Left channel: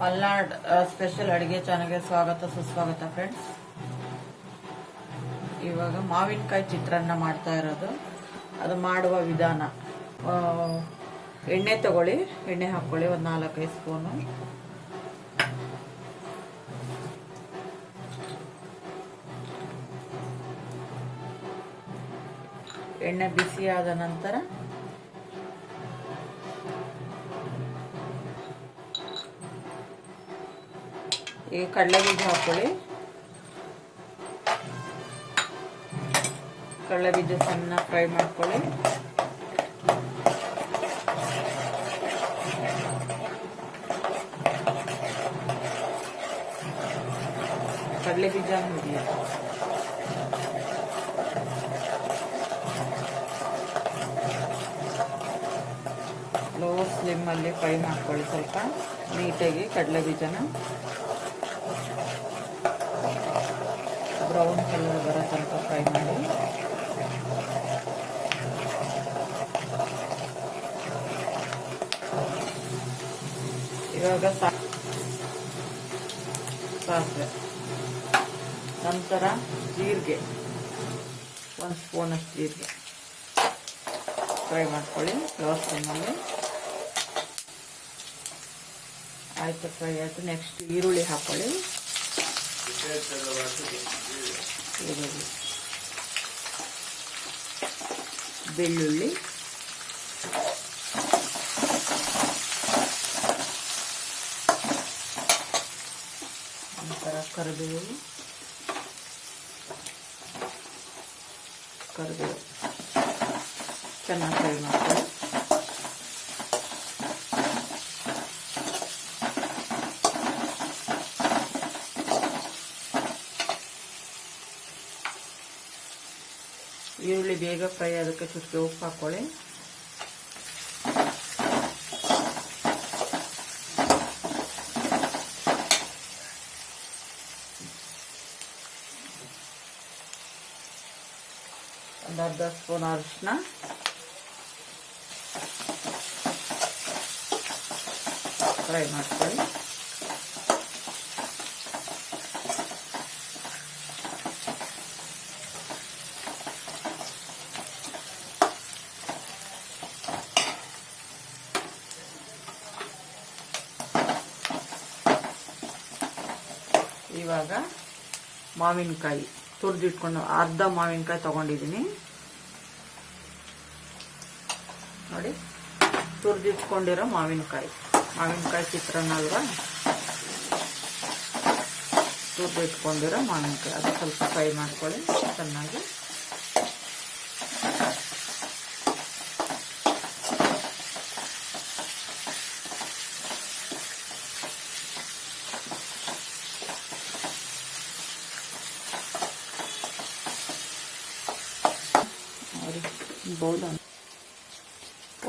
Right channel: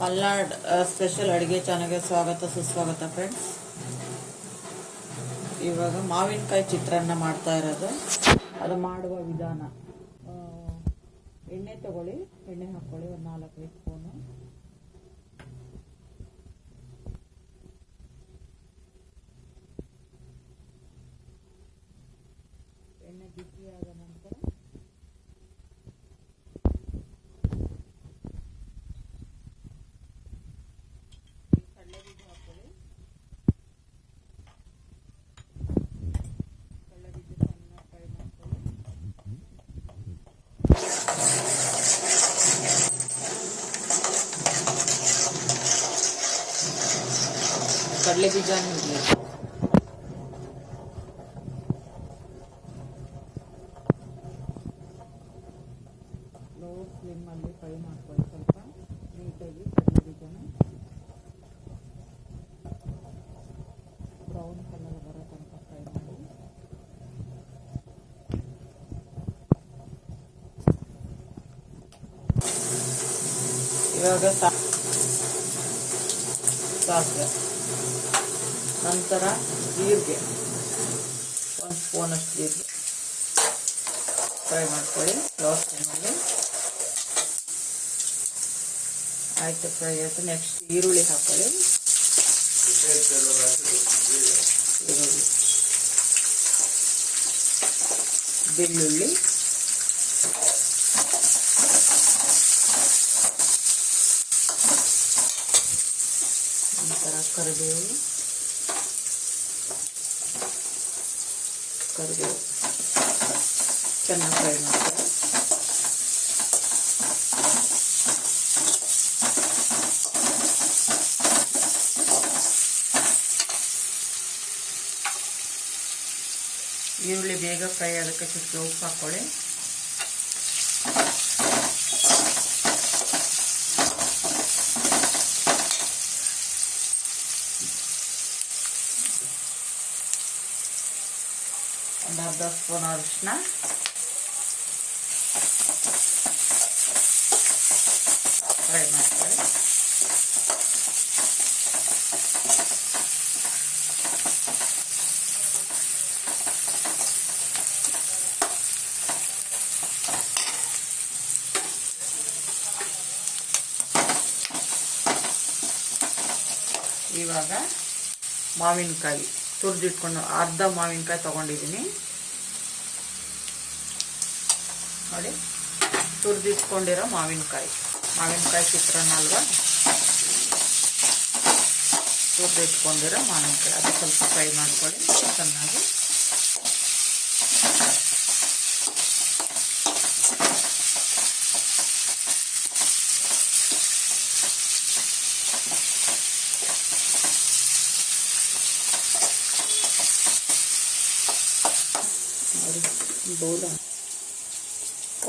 Malnad special ಅಡುಗೆ ಚಾನಲ್ಗೆ ಸ್ವಾಗತ ಸುಸ್ವಾಗತ ಫ್ರೆಂಡ್ಸ್. ಇವಾಗ ಮಾವಿನಕಾಯಿ ಚಿತ್ರಾನ್ನ ಮಾಡ್ತಾ ಇರೋದು. ಅದು ಮಾಡುವ ವಿಧಾನ, ಎಣ್ಣೆ ತಗೊಳ್ಳಿ, ಎಣ್ಣೆ ಹಾಕ್ಕೊಳ್ಳಿ ಒಂದು 4-5 ಸ್ಪೂನು. ಎಣ್ಣೆ ಬಿಸಿ ಆದ ನಂತರ ಈ ಕಡಲೆ ಬೀಜ ಹಾಕೊಳ್ಳಿ. ಕಡಲೆ ಬೀಜ ಸಣ್ಣ ಫ್ರೈ ಮಾಡ್ಕೊಳ್ಳಿ. ಕಡಲೆ ಬೀಜ ಹಿಡಿಯ ಲೋ ಸ್ಲಿಮ್ಮಲ್ಲಿ ಫ್ರೈ ಮಾಡ್ಕೊಳ್ಳಿ. ಸ್ವಲ್ಪ ನೀಟಾಗಿ ಕಡಲೆ ಬೀಜನ ಬ್ರೌನ್ ಕಲರ್ ಬರೋ ತನಕ ಫ್ರೈ ಮಾಡಿ. ಇವಾಗ ಸಾಸಿವೆ, ನಂತರ ಜೀರಿಗೆ, 1 ಸ್ಪೂನಷ್ಟು ಜೀರಿಗೆ ಫ್ರೈ ಮಾಡ್ಕೊಳ್ಳಿ ಲೋ ಫ್ಲೇಮಲ್ಲಿ. ಆಯಿತು, ಫ್ರೈ ಆಯಿತು. ನೆಕ್ಸ್ಟ್ ಈರುಳ್ಳಿ ಹಾಕ್ಕೊಳ್ಳಿ. ಬೆಳ್ಳುಳ್ಳಿ, ನಂತರ ಕರಿಬೇವು ಚೆನ್ನಾಗಿ ಫ್ರೈ ಮಾಡ್ತಾರೆ. ಈರುಳ್ಳಿ ಬೇಗ ಫ್ರೈ ಆಗೋಕ್ಕೆ ಸ್ವಲ್ಪ ಉಪ್ಪು ಹಾಕ್ಕೊಳ್ಳಿ. ಒಂದು ಅರ್ಧ ಸ್ಪೂನ್ ಅರಿಶಿನ, ಫ್ರೈ ಮಾಡ್ಕೊಳ್ಳಿ. ಇವಾಗ ಮಾವಿನಕಾಯಿ ತುರಿದಿಟ್ಕೊಂಡು, ಅರ್ಧ ಮಾವಿನಕಾಯಿ ತೊಗೊಂಡಿದ್ದೀನಿ ನೋಡಿ. ತುರಿದಿಟ್ಕೊಂಡಿರೋ ಮಾವಿನಕಾಯಿ ಚಿತ್ರಾನ್ನ ಅಲ್ವಾ, ತುರಿದಿಟ್ಕೊಂಡಿರೋ ಮಾವಿನಕಾಯಿ ಅದು ಸ್ವಲ್ಪ ಫ್ರೈ ಮಾಡ್ಕೊಳ್ಳಿ ಚೆನ್ನಾಗಿ.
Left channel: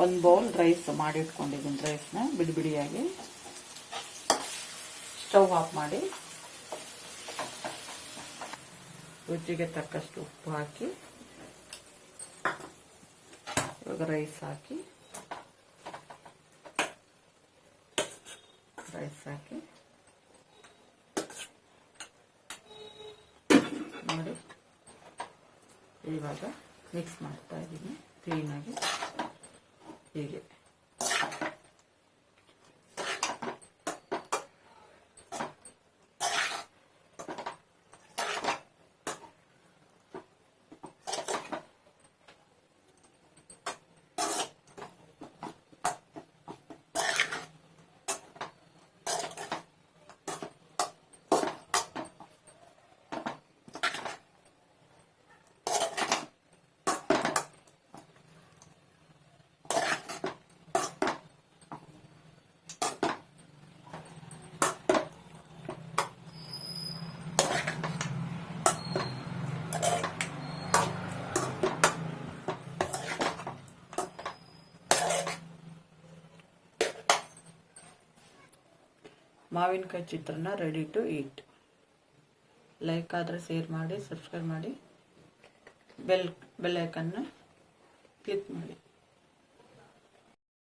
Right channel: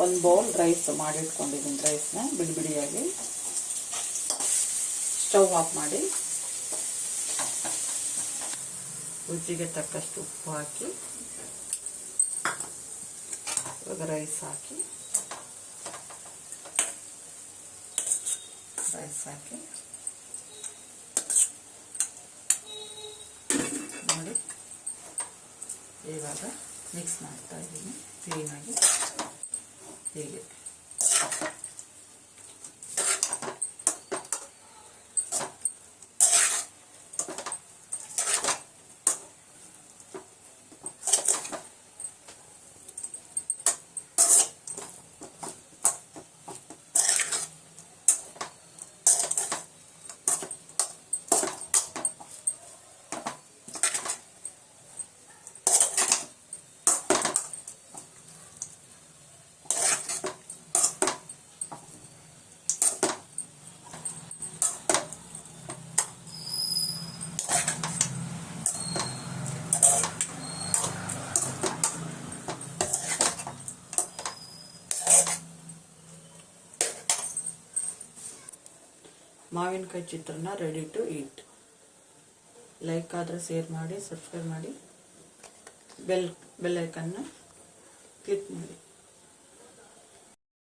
ಒಂದು ಬೌಲ್ ರೈಸ್ ಮಾಡಿ ಇಟ್ಕೊಂಡಿದ್ದೀನಿ. ರೈಸ್ನ ಬಿಡಿ ಬಿಡಿಯಾಗಿ ಸ್ಟವ್ ಆಫ್ ಮಾಡಿ, ರುಚಿಗೆ ತಕ್ಕಷ್ಟು ಉಪ್ಪು ಹಾಕಿ, ಇವಾಗ ರೈಸ್ ಹಾಕಿ ನೋಡಿ. ಇವಾಗ ಮಿಕ್ಸ್ ಮಾಡ್ತಾ ಇದ್ದೀನಿ ಕ್ಲೀನಾಗಿ. ಹೀಗೆ ಮಾವಿನಕಾಯಿ ಚಿತ್ರಾನ್ನ ರೆಡಿ ಟು ಈಟ್. ಲೈಕ್ ಆದರೆ ಶೇರ್ ಮಾಡಿ, ಸಬ್ಸ್ಕ್ರೈಬ್ ಮಾಡಿ, ಬೆಲ್ ಐಕನ್ನ ಕ್ಲಿಕ್ ಮಾಡಿ.